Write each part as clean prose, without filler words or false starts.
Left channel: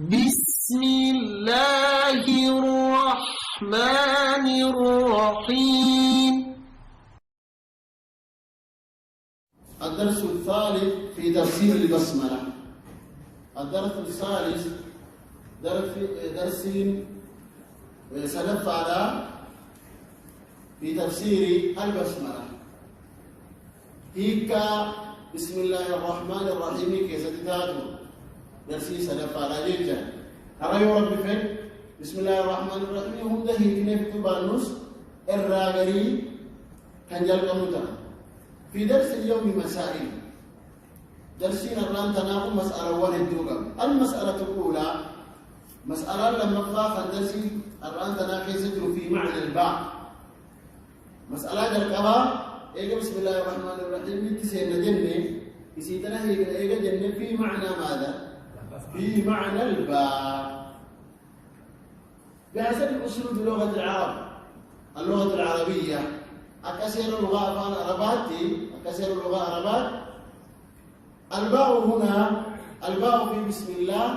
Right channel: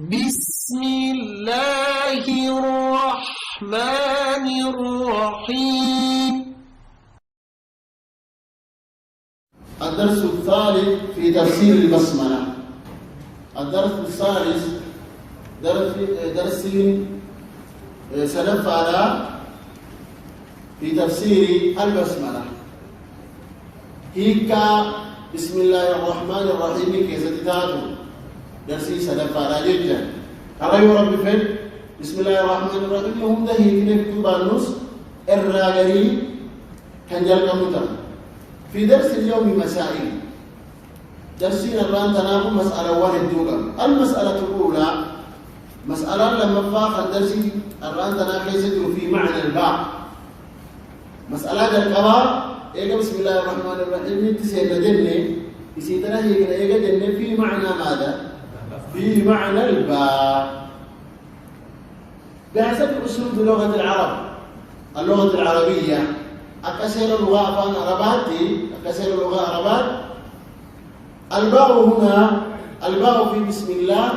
بسم الله الرحمن الرحيم. الدرس الثالث في تفسير البسملة. الدرس الثالث درس سنفعل في تفسير البسملة. هيك بسم الله الرحمن الرحيم كيف تتاتو درسي سنفعل جدا. ترى يا رب فين بسم الله الرحمن الرحيم هم ده هيك نكتب بانوس الراغري كنجل كموتا. في درس اليوم مسائل. درسنا الآن تناقض مسألة واحد دوغا. المسألة الأولى مسألة لما فاق الدرس الآن تناقض في معنى الباء. مسألة الكبار إيجا بسم الله الرحمن الرحيم تسير لجنة يسيتنا إيجا جنة في معنى ماذا؟ في معنى الباء. بحسب أسلوب لغة العرب اللغة العربية أكثر اللغة عرباتي أكثر اللغة عربات. الباء هنا الباء في بسم الله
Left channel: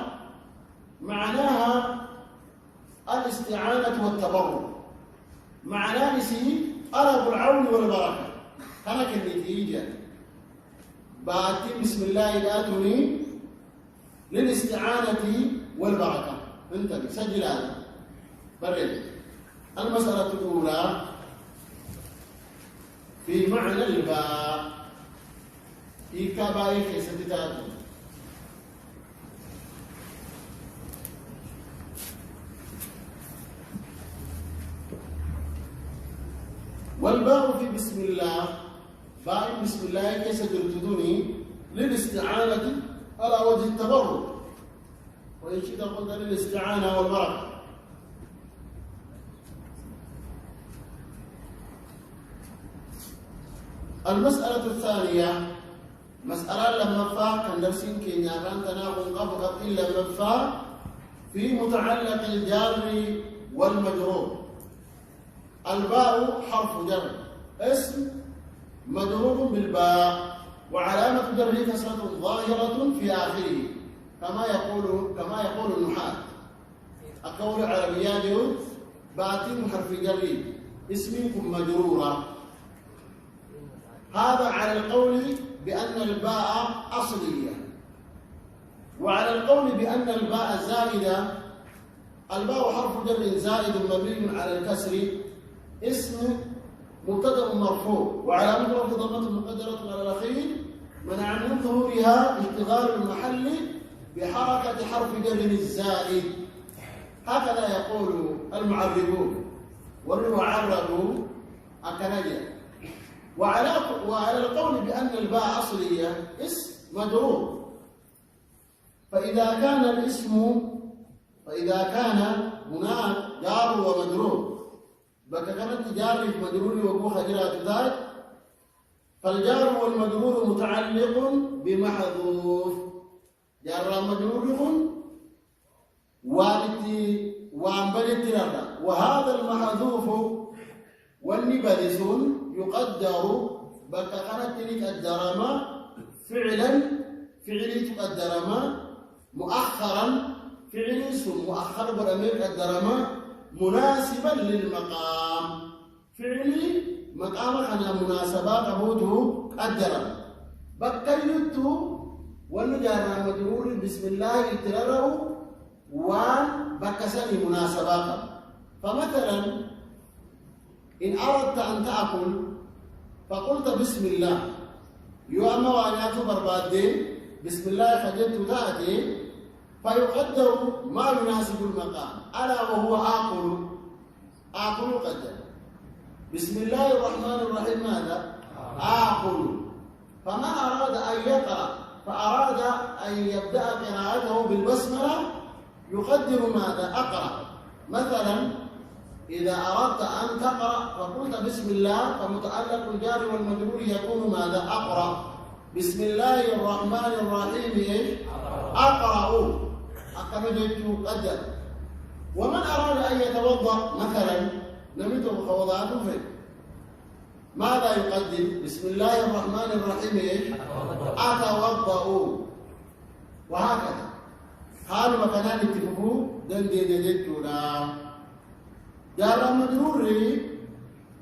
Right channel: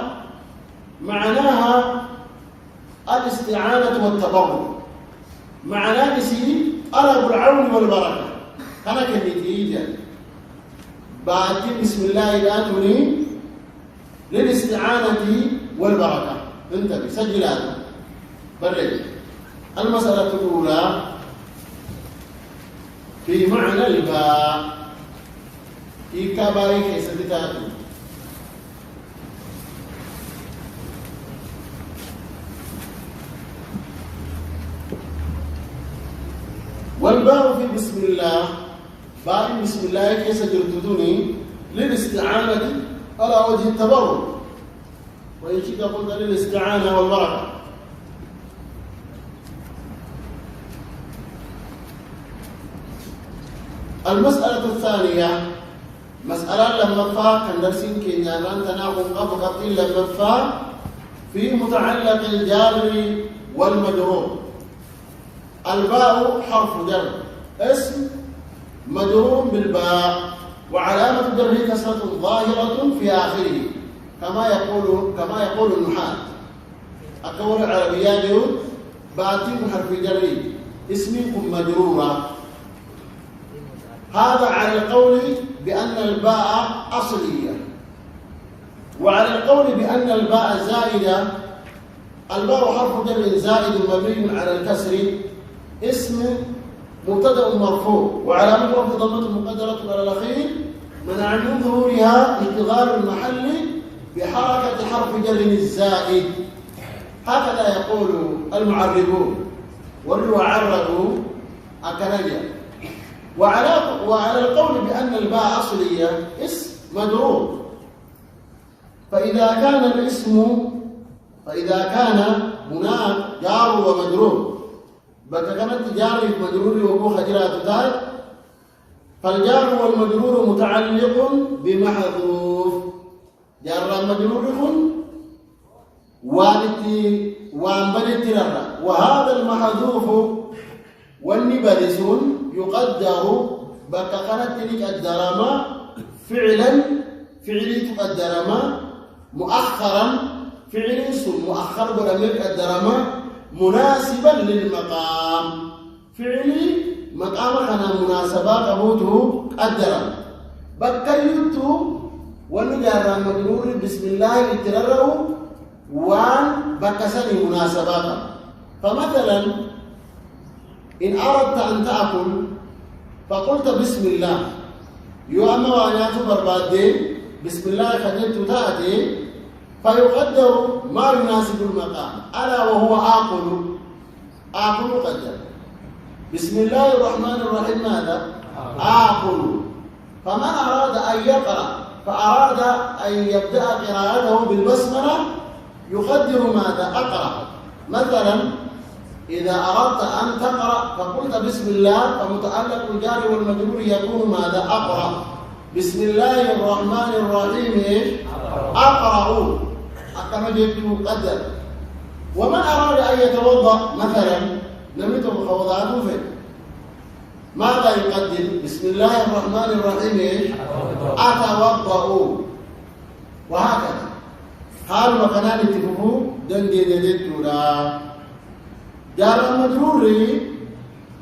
معناها الاستعانة والتضرع. معناه نسي طلب العون والبركة. هنا كالنتيجة بعد بسم الله الآتوني للاستعانة والبركة. انتبه سجل هذا برد. المسألة الأولى في معنى الباء إيكا باي كيسة تتاتو. والباء في بسم الله باء بسم الله كيسة جرتدوني للاستعانة على وجه التبرك، وإن شئت قلت للاستعانة والبركة. المسألة الثانية مسألة لما فا كان درسين كينيا لان تناقض قبض لما فا في متعلق الجار والمجرور. الباء حرف جر اسم مجرور بالباء وعلامة جره كسرة ظاهرة في آخره كما يقول النحاة. القول العربية باتم حرف جر اسمكم مجرورة. هذا على القول بأن الباء أصلية، وعلى القول بأن الباء زائدة. الباء حرف جر زائد مبني على الكسر اسم مبتدأ مرفوع وعلامة رفع ضمة مقدرة على الأخير منع من ظهورها اشتغال المحل بحركة حرف جر الزائد. هكذا يقول المعربون واللي عربوا الكنجة. وعلى القول بأن الباء أصلية اسم مجرور. فإذا كان هناك جار ومجرور بقى كانت جار مجرور وكو خجرات تاج، فالجار والمجرور متعلق بمحذوف. جار مجرور وانبدت ررا، وهذا المحذوف والنبرس يقدر بقى كانت تلك الدرامة فعلي تقدرما مؤخرا فعلي مؤخر برميك الدرامة مناسبا للمقام. فعلي مقام خنا مناسبة قبوته قدرا بكيتو ونجار مجرور بسم الله اترره وان بكسني مناسبات. فمثلا إن أردت أن تأكل فقلت بسم الله يوم وانيات بربادين بسم الله خجلت تأتي فيقدر ما يناسب المقام ألا وهو آكل قدر. بسم الله الرحمن الرحيم ماذا؟ آكل. فمن أراد أن يقرأ فأراد أن يبدأ قراءته بالبسملة يقدر ماذا؟ أقرأ. مثلا إذا أردت أن تقرأ فقلت بسم الله فمتعلق الجار والمجرور يكون ماذا؟ أقرأ. بسم الله الرحمن الرحيم أقرأ كما جئت قدر. ومن أراد أن يتوضأ مثلا نمت بخوضاته فين ماذا يقدم؟ بسم الله الرحمن الرحيم أتوضأ. وهكذا حال مكانان اتفقوا دندي دجتورا جار المجرور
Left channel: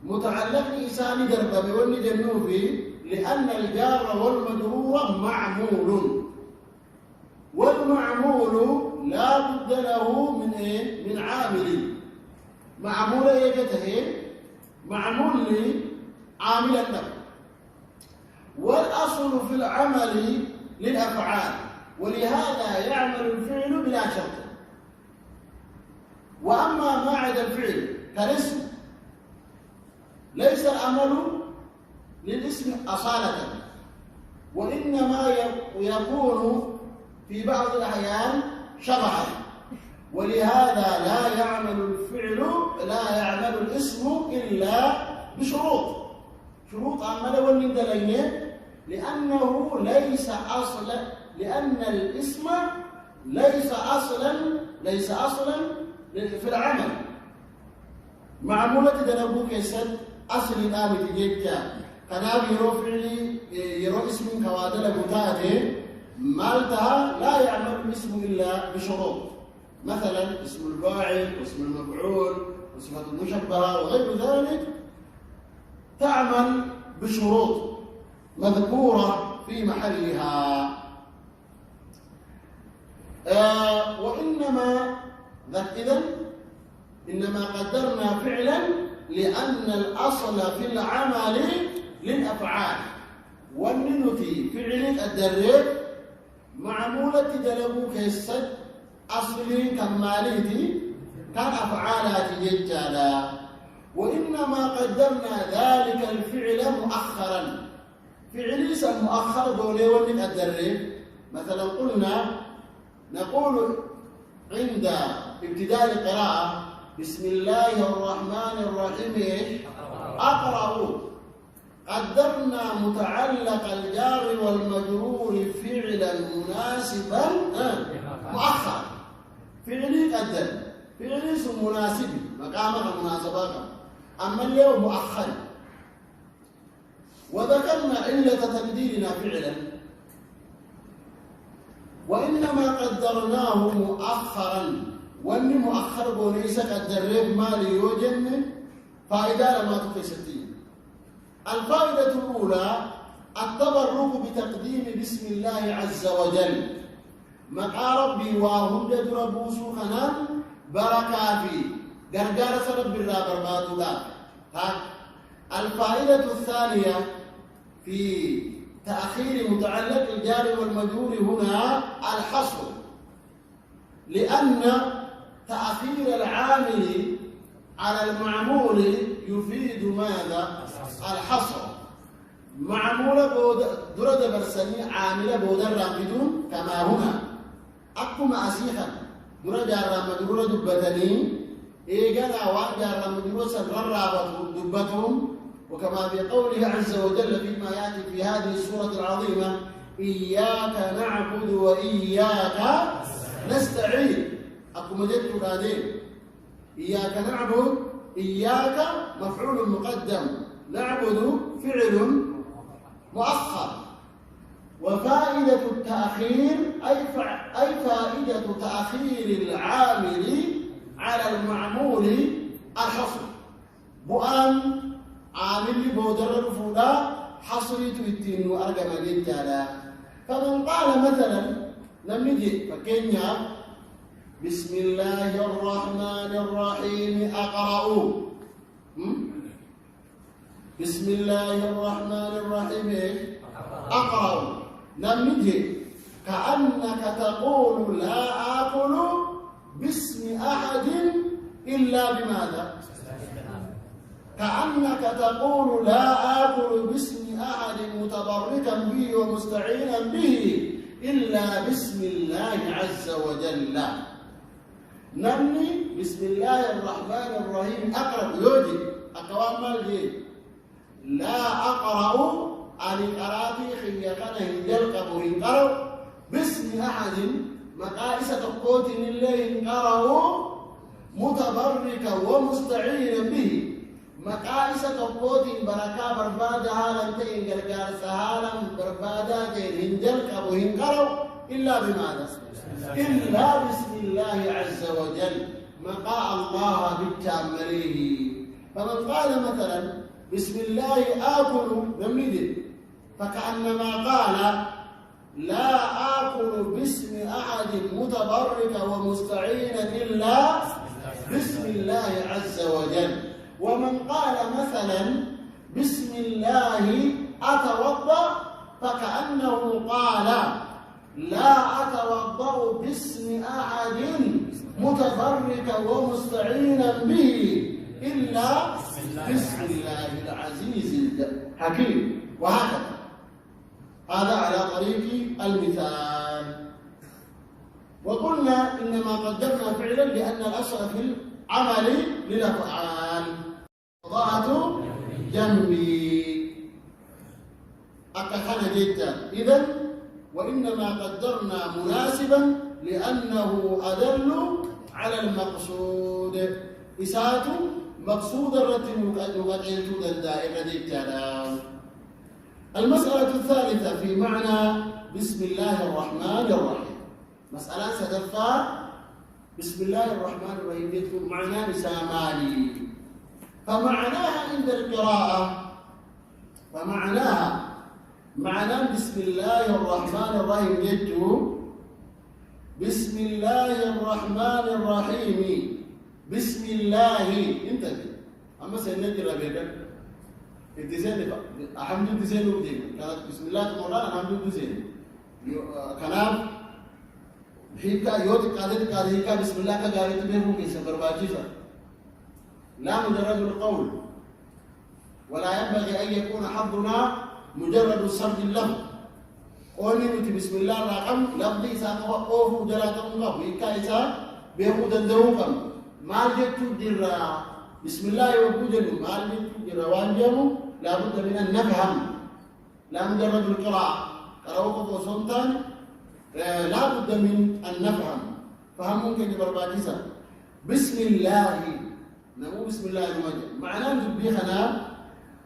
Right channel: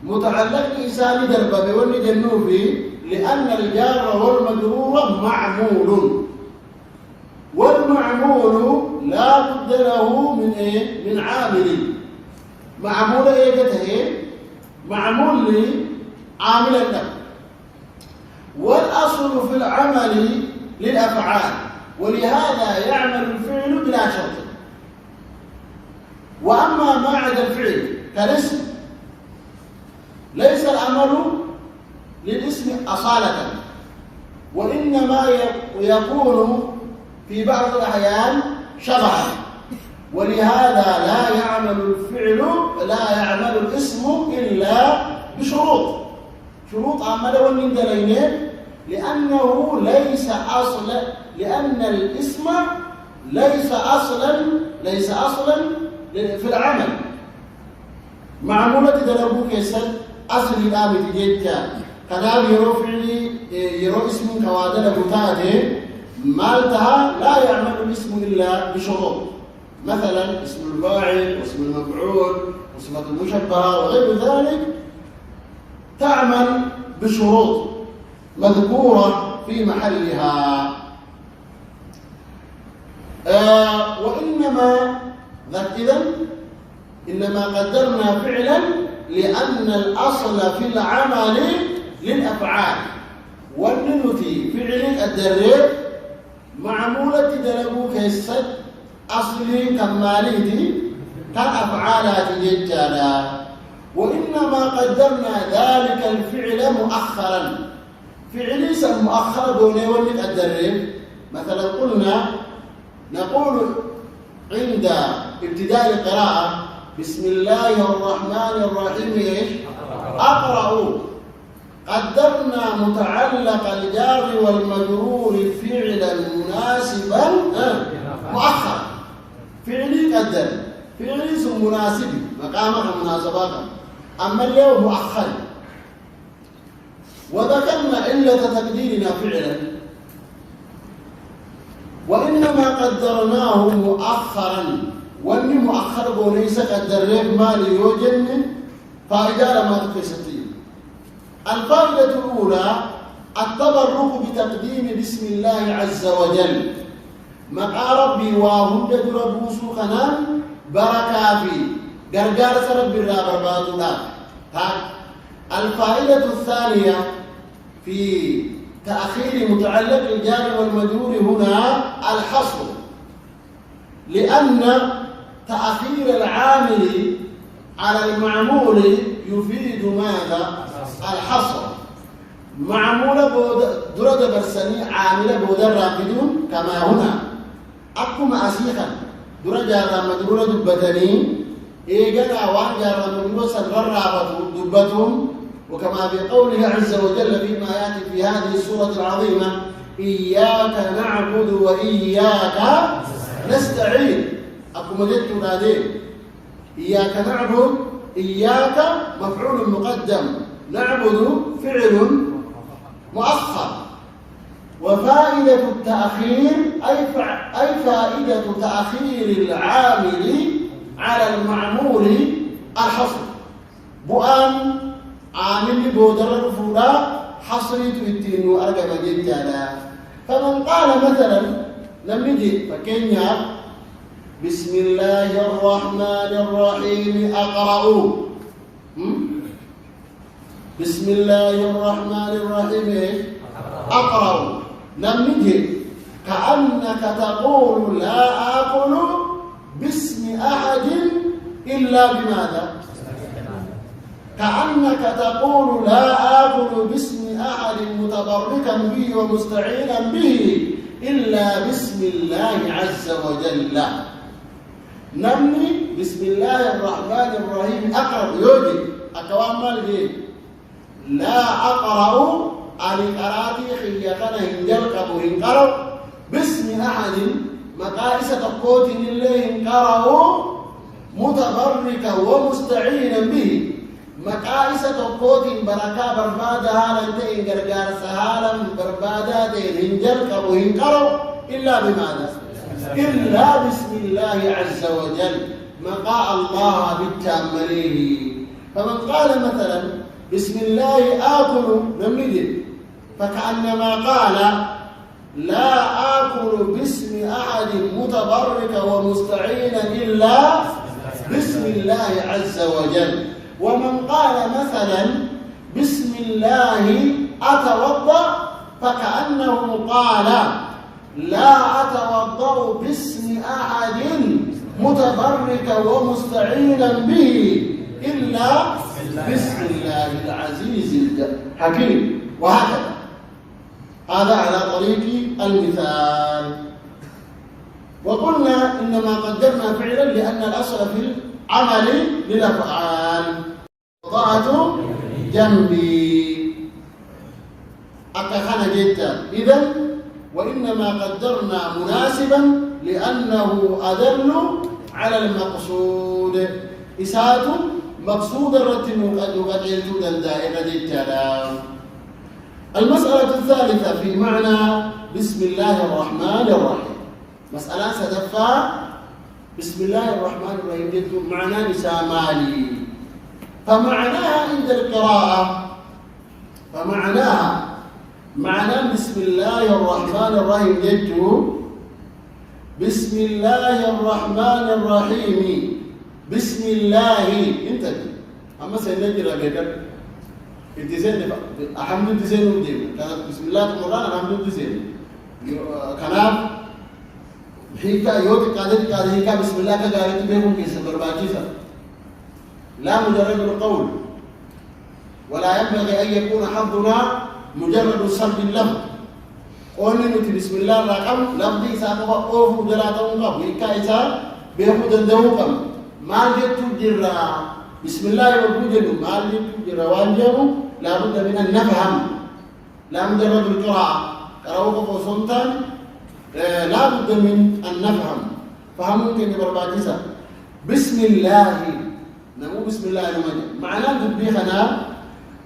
متعلق بإنسان دربة بوني جنوبي لأن الجار والمجرور معمول والمعمول لا بد له من ايه؟ من عامل معمول ايه جته معمول لي عاملا له والأصل في العمل للأفعال ولهذا يعمل الفعل بلا شرط وأما ما عدا الفعل كالاسم ليس العمل للاسم أصالة وإنما يكون في بعض الأحيان شبها ولهذا لا يعمل الاسم إلا بشروط شروط عمله والندلين لأنه لأن الاسم ليس أصلا في العمل معمولة دلبو كيسد أصل الآن تجيجا كناب يرو فعلي يرو اسم كوادل بتاعته مالتها لا يعمل الاسم إلا بشروط مثلا اسم الفاعل واسم المفعول وصفة المشبهة وغير ذلك تعمل بشروط مذكورة في محلها إنما قدرنا فعلا لأن الأصل في العمل للأفعال والننتي فعل الدرب معمولة دلبو كيسد أصلي كماليتي كان أفعالات ججالا وإنما قدرنا ذلك الفعل مؤخرا فعلي مؤخرا دوني ولد الدرب مثلا نقول عند ابتداء القراءة بسم الله الرحمن الرحيم أقرأ قدرنا متعلق الجار والمجرور فعلا مناسبا مؤخرا فعلي قدر فعلي مناسب مقامها مناسبات أما اليوم مؤخر وذكرنا علة تقديرنا فعلا وإنما قدرناه مؤخرا واني مؤخر بوليس قدر مالي يوجن فائدة لما تقيستين الفائدة الأولى التبرك بتقديم بسم الله عز وجل مقا ربي وهند دربوسو خنان بركة في غرغار سرب الرابر بادولا الفائدة الثانية في تأخير متعلق الجار والمجرور هنا الحصر لأن تأخير العامل على المعمول يفيد ماذا؟ الحصر معمولة درد برسني عاملة بودر رافدون كما هنا أقوم أسيخا درد جار مجرور دبتني إيجانا وان جار مجرور سنرر دبتهم وكما في قوله عز وجل فيما يأتي في هذه السورة العظيمة إياك نعبد وإياك نستعين أقوم جدت نادين إياك نعبد إياك مفعول مقدم نعبد فعل مؤخر وفائدة التأخير أي فائدة تأخير العامل على المعمول الحصر بؤان عامل بودر الفولا حصريت التين وأرقى جدا فمن قال مثلا لم نجي فكينيا بسم الله الرحمن الرحيم أقرأ بسم الله الرحمن الرحيم أقرأ لم نجي كأنك تقول لا آكل باسم أحد إلا بماذا؟ كأنك تقول لا آكل باسم أحد متبركا به ومستعينا به إلا باسم الله عز وجل نمني بسم الله الرحمن الرحيم أقرأ يوجد أكوان مالجي لا أقرأ عن قراتي خيّقنا هنجل قبو هنقرأ باسم أحد مقائسة قوت الله هنقرأ متبركا ومستعينا به مقائسة قوت بركة بربادة هالنتين غرغار سهالا بربادة هنجل قبو هنقرأ إلا بماذا؟ إلا بسم الله عز وجل مقاء الله بالتأمليه. فمن قال مثلا بسم الله آكل نملي فكأنما قال لا آكل باسم أحد متبرك ومستعينا إلا بسم الله عز وجل. ومن قال مثلا بسم الله أتوضأ فكأنه قال لا أتوضأ باسم أحد متبرك ومستعينا به إلا بسم الله العزيز الحكيم. وهكذا هذا على طريق المثال. وقلنا إنما قدرنا فعلا لأن الأصل في العمل للأفعال. وضعت جنبي أكخنا جدا. إذن وإنما قدرنا مناسبا لأنه أدل على المقصود. إساءة مقصود الرتب نقدرت دائرة الكلام. المسألة الثالثة في معنى بسم الله الرحمن الرحيم. مسألة ستدفع بسم الله الرحمن الرحيم جد معنى نسامالي. فمعناها عند القراءة معنى بسم الله الرحمن الرحيم جد بسم الله الرحمن الرحيم. بسم الله انت أما سنجرى بيكر الديزين الحمد الديزين وديم كانت بسم الله القرآن الحمد الديزين كلام هيكا يوت كذا هيكا بسم الله كجاري تبيهم كيس برباجيسا لا مجرد القول ولا ينبغي أن يكون حظنا مجرد صلب اللفظ. قولنا نتي بسم الله الرقم لفظي ساقوا أوف دلاتهم قبل هيكا إسا بيهم دندوكم ما جت جرا بسم الله وجود ما جت جرا وانجمو لا بد من أن نفهم لا مجرد القراءة قرأوك فوسنتان لا بد من أن نفهم فهمون كي برباجيسا بسم الله نمو بسم الله المجد معناه تبيخنا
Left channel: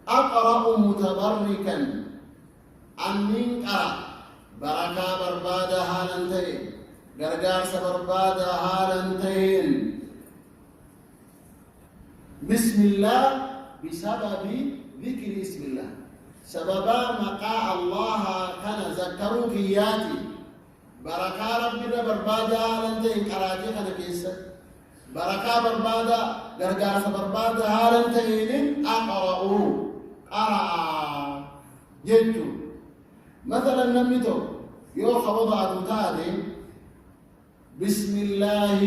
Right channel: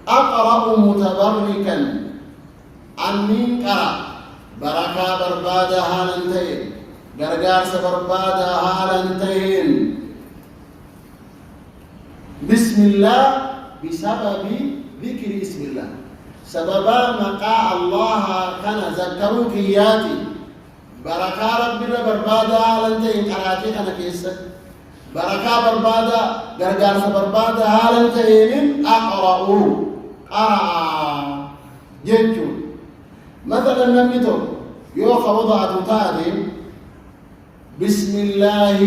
أقرأ متبركا أنين قرأ بركة بربادة هالنتين غرغار سبربادة هالنتين بسم الله بسبب ذكر اسم الله سببا مقاء الله كان ذكروك ياتي بركة ربنا بربادة هالنتين قراتي كان كيسا بركة بربادة غرغار سبربادة هالنتين أقرأوا قرأ جنجو مثلا نميتو يوخا وضعت تادي بسم الله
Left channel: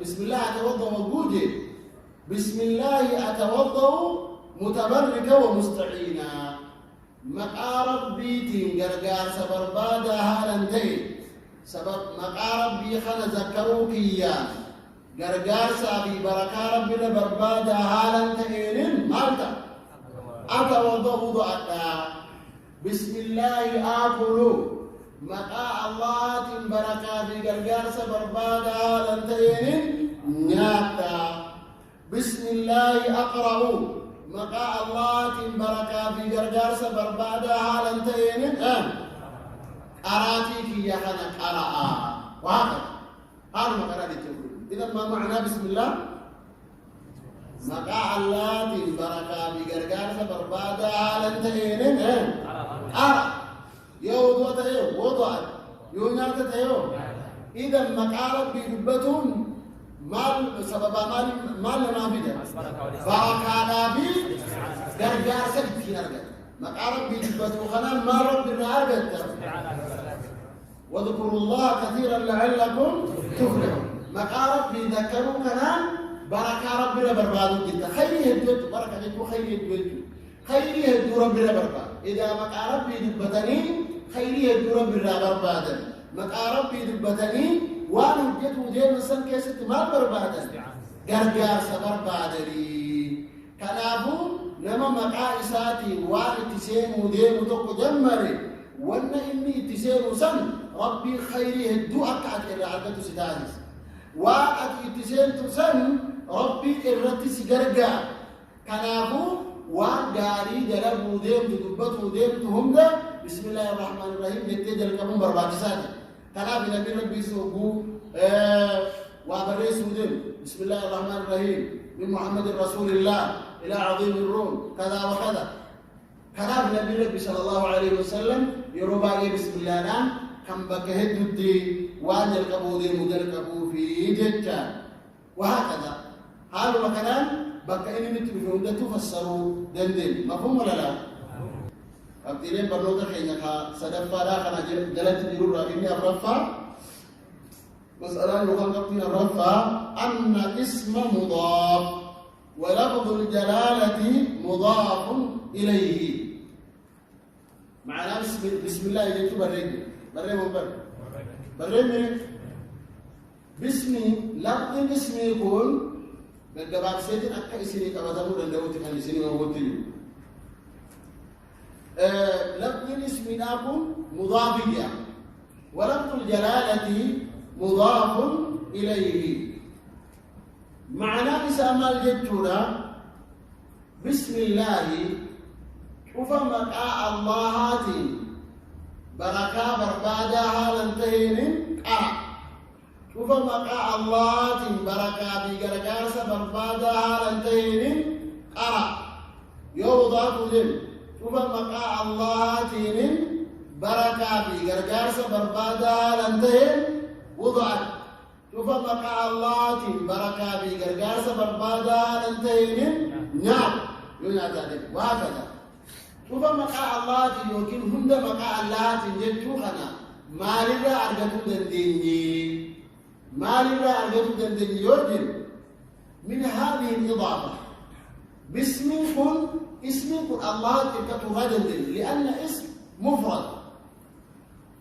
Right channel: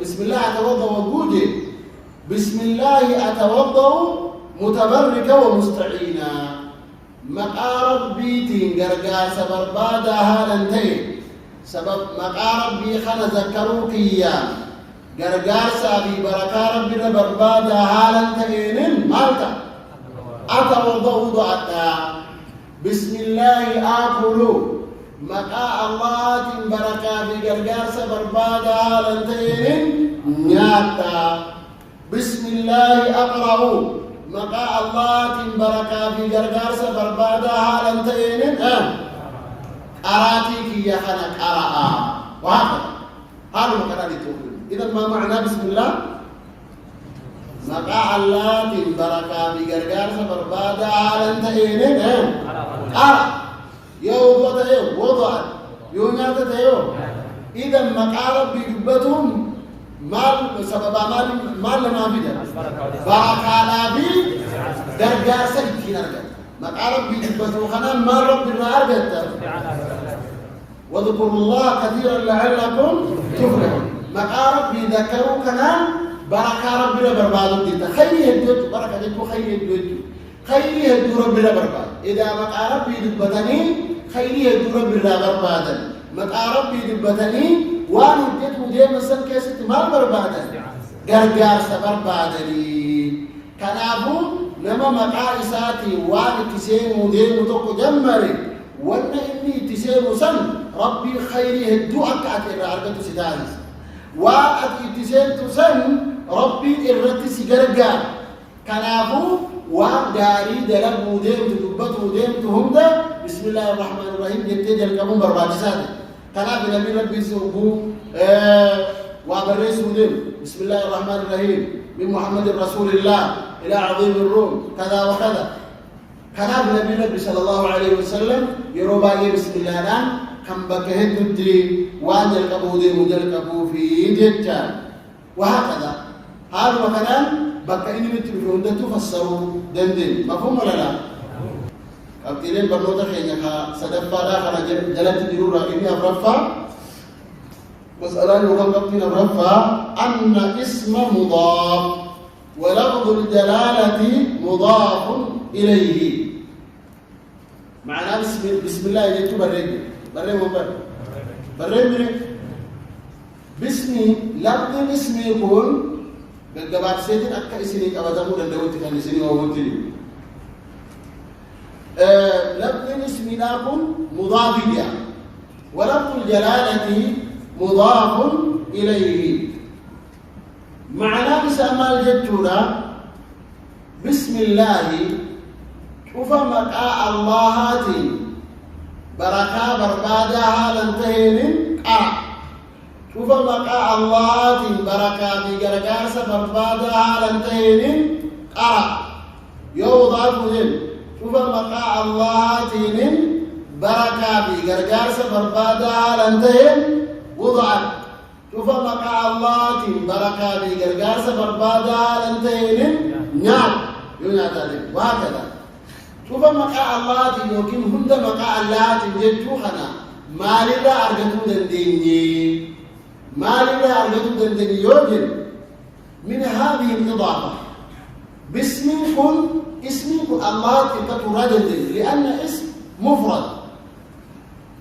بسم الله أتوضأ وجودي بسم الله أتوضأ متبركا ومستعينا مقارب بيتي غرغار سبربادا هالنتين سبب مقارب بي خنا ذكروك إياه غرغار سابي بركة ربنا بربادا هالنتين مالتا أتوضأ ضعتا بسم الله آكل مقاء الله بركة في غرغار سبربادا هالنتين نياتا بسم الله أقرأ مقاء الله بركة في غرغار سبربادا هالنتين أراتيك يا خنا قرأ وهكذا هذا مقرأ للتوحيد. إذا ما معنى بسم الله مقاء الله بركة في غرغار سبربادا هالنتين قرأ يوضع وضع يونات يو. إذا مقارب بيبتهم مال سبب مال ما بيدا بركة نبي درجة سكين أرجع مقارب بيبتهم خنا ما ربنا أرجع واذكروا الله كثيرا لعلكم تفلحون مقارب بيذكروا كنا بركة ربنا بربادو ديتا خيري هدوت بركة ديتو خيري هدوت خيري هدو ربنا برباد إذا مقارب بيبتني خيري هدو ربنا بربادا مقارب بيبتني وانو جيتو ديما سن كيست مال بربادا غرغار سبربادا لي كنابو نما مقائساتي وانو تسيمو ديمو توكو جمري وانا إني تسيمو سن ربي خيري هدو أكعت إلا عرقتو ستانيس وأت تسيمو سن ربي إرتي سيغرغار كنابو وغاري دلبو ديمتو دبتو ديمتو همدا بسم الله الرحمن الرحيم جتي جلقمون برباجساتي كلام نبي ربي سوبو وابريس ودم بسم الله الرحمن الرحيم من محمد رسول الله إلى عظيم الروم كذا وكذا كلام نبي ربي صلى الله عليه وسلم يروبا بسم الله الآن كم بكهد الدين وان الكبود مدلكبو في جتان وهكذا هذا مثلا بكا إني متبعون تفسروا دندن مفهوم ولا لا؟ أبتلين برنوتا خينك سدفا لا خرج جلت الجرور إني أبرفا مسألة يقول قبتين أبرفا أن اسم مضاف ولفظ الجلالة مضاف إليه معناه بسم الله يجب بريك بريك باسمي لفظ اسمي يكون بالجباب سيدنا أكا إسني كبتمو لندوتي كان إسني وهوتلي لفظ الاسم لكن مضاف إليه ولفظ الجلالة مضاف إليه معنى بسام الجتورة بسم الله شوف مقاء الله بركة بربادها لنتهين قرأ شوف مقاء الله بركة بقرقارس بربادها لنتهين قرأ يوضع ذلك شوف مقاء الله تين بركة بقرقارس بربادها لنتهين وضعت شوف مقاء الله تين بركة بقرقارس بربادها لنتهين نعم يونات عليك وهكذا شوف مقاء الله تين يوكين هند مقاء الله تين جدوخنا ما لله أرغتو دنديني ما لله أرغتو دنديني يوجد من هذه الإضافة باسمكم اسمكم الله تتردد لأن اسم مفرد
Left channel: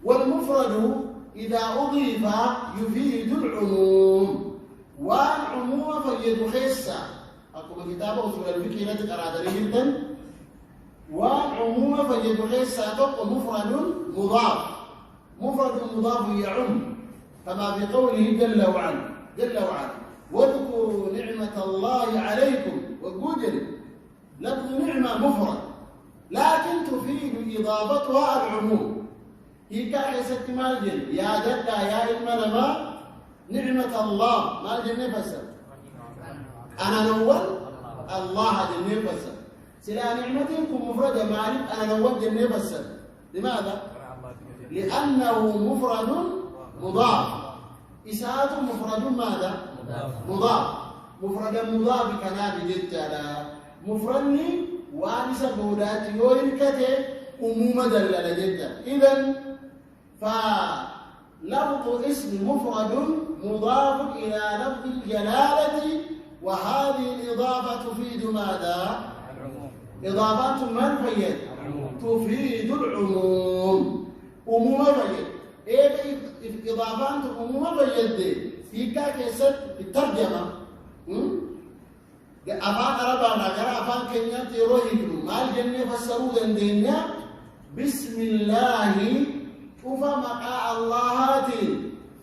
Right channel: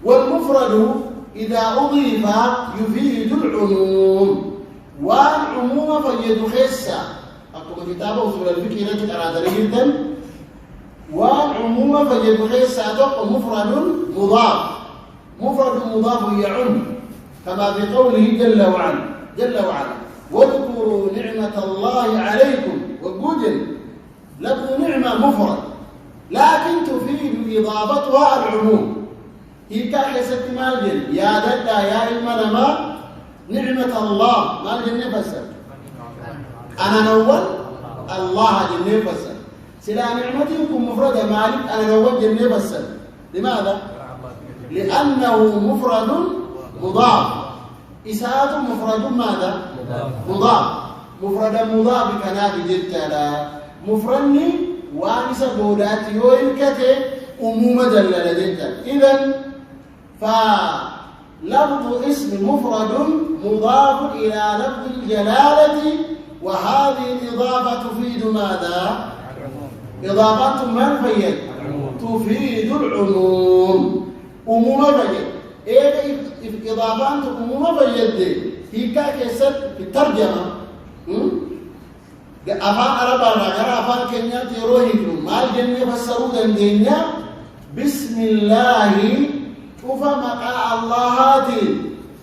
والمفرد إذا أضيف يفيد العموم والعموم فيد خيسة أكتب كتابه أصول الفكر نجد أراد جدا والعموم فيد خيسة تبقى مفرد مضاف يعم كما في قوله جل وعلا واذكروا نعمة الله عليكم وجوجل لفظ نعمة مفرد لكن تفيد إضافتها العموم هي كحسة مالجن يا ددا يا المنما نعمة الله مالجن نفسر أنا نول الله جن نفسر سلا نعمتكم مفردة مالك أنا نول جن نفسر لماذا؟ لأنه مفرد مضاف إساءة مفرد ماذا؟ مضاف مفرد مضاف كنا بجتلا مفردني وانس بودات يوين كته أمومة دلالة جدا إذن فلفظ اسم مفرد مضاف إلى لفظ الجلالة وهذه الإضافة تفيد ماذا؟ إضافة من فيد؟ تفيد العموم أمومة فيد إيه إضافات أمومة فيد هي كاكسد في الترجمة أفان أربعة نجار أفان كنيا تروهيكم مال جنة فسروا دندينيا بسم الله شوف مقاء الله هاتي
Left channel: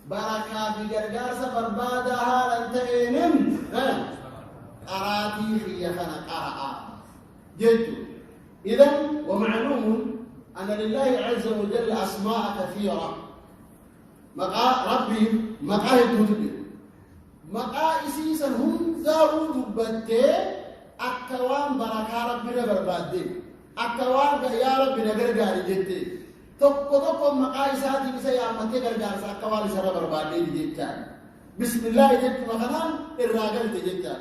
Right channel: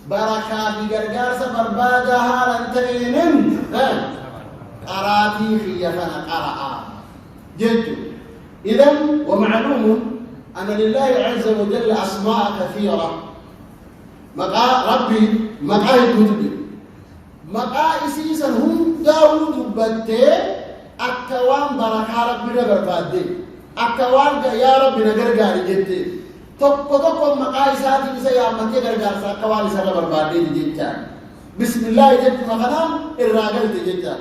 بركة بجرجار سبربادها لنتين قراتي خيفنا قرأ جد إذن ومعلوم أن لله عز وجل أسماء كثيرة مقاء ربي مقاء الكتب مقاء إسيسا هم داود بنتي أكوان بركة ربي نبربادي أكوان يا ربي نغرغاري جتي توكو مقاء إساتي بسا يا أمتي غرغار أكوان إسا نبربادي جتان بسم الله جت مقنام الراغل جتان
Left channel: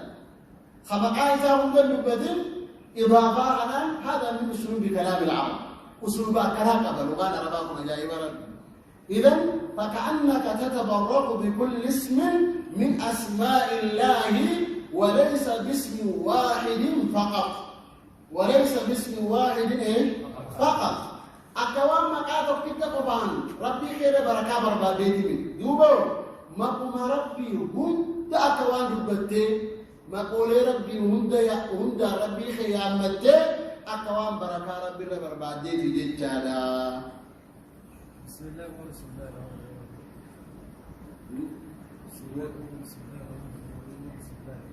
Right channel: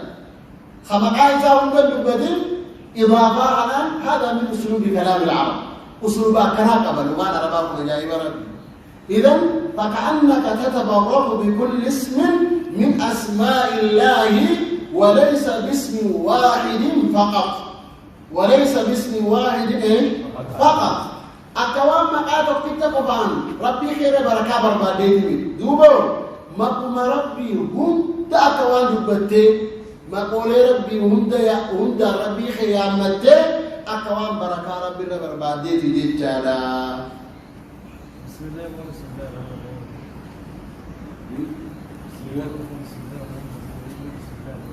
خمقاء إسا هم داود إضافة عنان هذا من أسلوب كلام العرب أسلوب كلام قبل وانا رباكم جاي برد إذن فكأنك تتبرك بكل اسم من أسماء الله وليس باسم واحد فقط وليس باسم واحد فقط أكوان مقاتب كتابان ربي خير بركة بربادي دوبو مقوم ربي هم تأكوان جبتي مقول ربي هم دا ربي خيامتي أكوان بركة ربي بربادي جيجالا بسم الله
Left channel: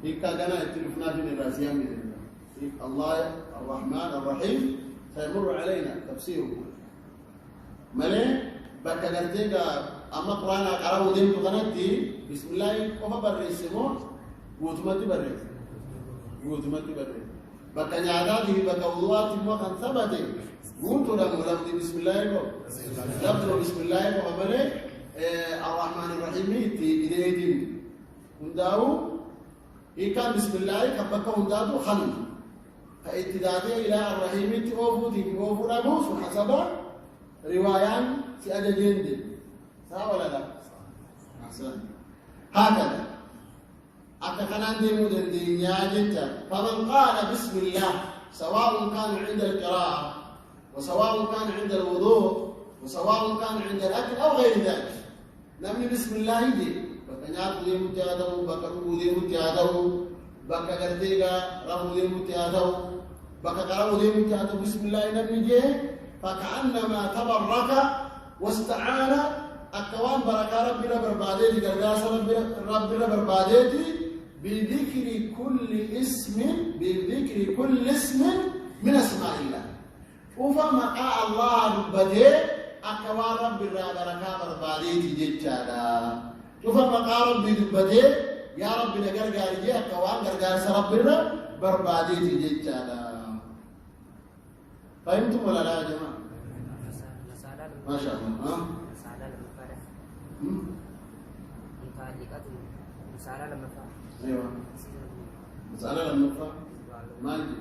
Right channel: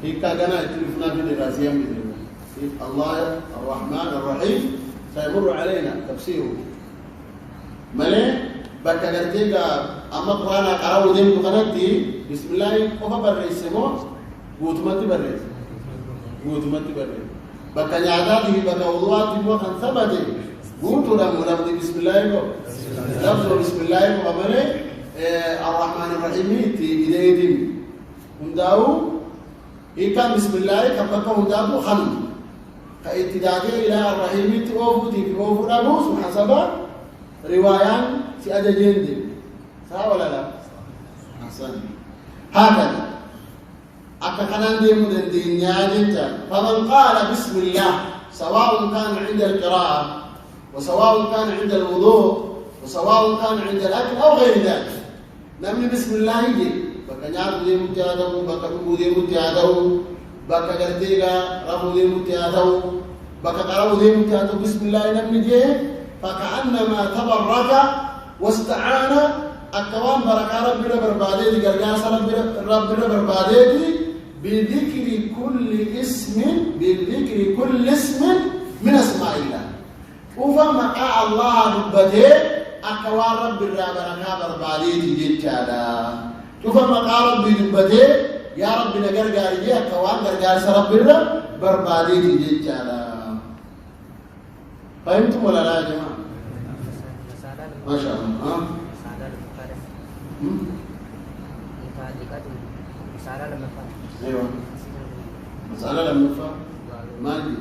هيك كنا يتلفنا في الرازيان بذلك الله الرحمن الرحيم سيمر علينا تفسيره ملي بكرتيك أما قرآن قرأوا دين قناتي بسم الله قف بريس مو قوتمتي بريس بكا نعداده بكا وضواتي مو خن ثبتي قوتوا لفظ بسم الله لفظ بسم الله وعمله الرحمن الرحيم تي بداية هنداو كان بسم الله كبكا هنداو خن كاتداده إلى الرحيم تي أوفو أبوس وحسب روايان في أجاجين دي صح ولا لا؟ أحسن هكذا أكخنان دي مدن دي نياجتا فمن قال بسم الله سواء كان عند القراءة وسواء كان عند الوضوء وسواء كان عند الأكل أو غير ذلك نمني بسم الله يجي بكا نعرف دي متياده بكا تبو دي متياده بكا قرتيغا رفو دي متياده بكا قرأو دي متياده بسم الله نمني جي فكأنما تبرك واستعان أكوان بركة ربنا بربادي قرقاس ربنا بربادي بذكر كل اسم من أسماء الله وفما الله ربده أكوان ربنا بركة بربادي جيتشادا وفما ربي ربده يا ربنا قرقاري أكوان قرقاس ربنا بربادي جيتشادا فهمتم ولا لا يا جماعة؟ ما شاء الله ايوه مسألة لما فهم ما يجي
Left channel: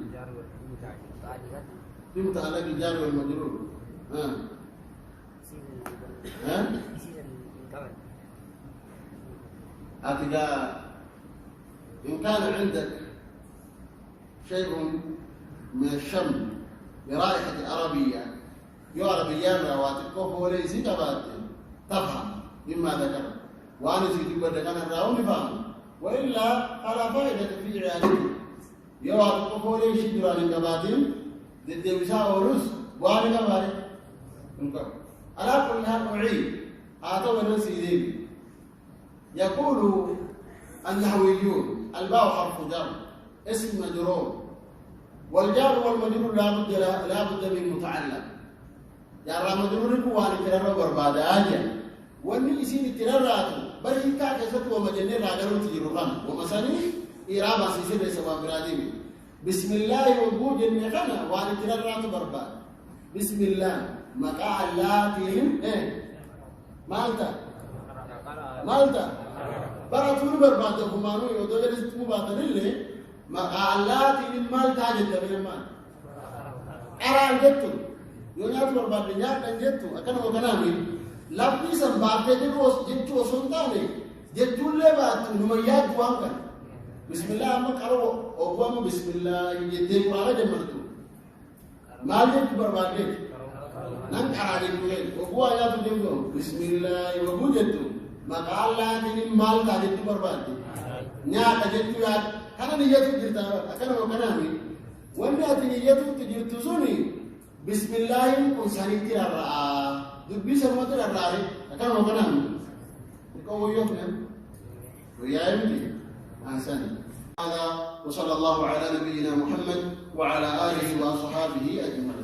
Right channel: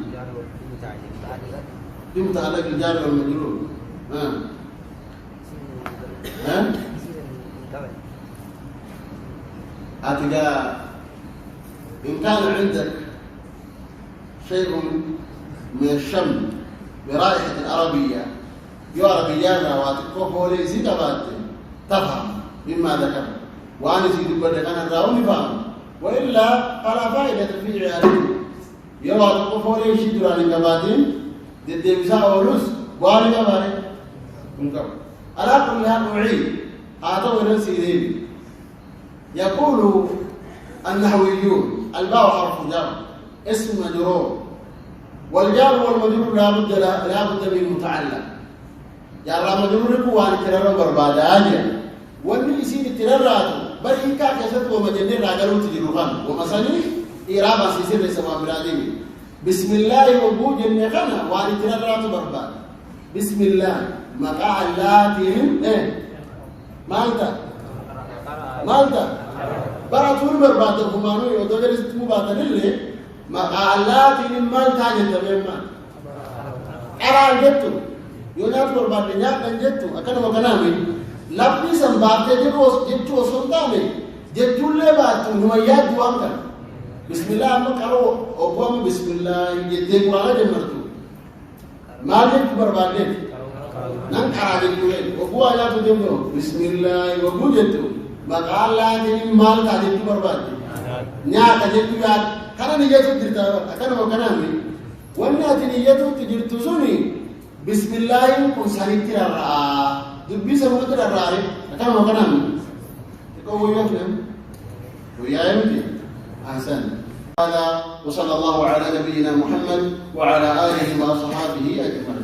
دي متعلق الجار والمجرور هكذا إن كان عندك شيء من الشم برائحة العربية عربيان واتكوف ولي زيد تفهم مما ذكر وأنا زيد بدك أنا الراوي فهم وإلا فلا فائدة في عيالي يلا تكوف ولي يشد عن النباتين ضد مساء ولوس وأنا كباري منكر على كل حال أعيد هذا ورسيدين يقول النحويون الباء حرف جر اسم مجرور والجار والمجرور لا بد من متعلق يا رب مجرور كوان كرر بربادا أجل ومن يصير ترراتو بل إن كان كسرت ومجنن راجلون تجربان ومثلا إيرابا سيسير سما برادين بسم الله وجود النخنا وان ترراتو بربادا بسم الله مقع اللاتهم مالتا براتون بربادا همانو يودو جرس مبادا لله مقع اللاتهم مالتا جتبين أرى جتو يونات بربادا نيات جتو أكنا مكانامي لابني سنباتة جروس جتو سنتامي جتو لباتو نميات دوانكا بسم الله مكارو أقوام بسم الله جتو قرآن جمرتو مالك بربادا نان كراجة جوين أقوى جاتو جمرو بسم الله وقو جتو مقال الله تجي مال تاجتو بربادا نيات جتو يات كنا نيجتو جرتاوا أكنا مكانامي ونيات نيجتو تجرتو سوني بسم الله كن سالك الرّا دبي سمعت الرّا أكان مكانه يكون وياكم وياهم أحسن هذا وصلى الله على نبينا محمد وعلى آله وصحبه أجمعين.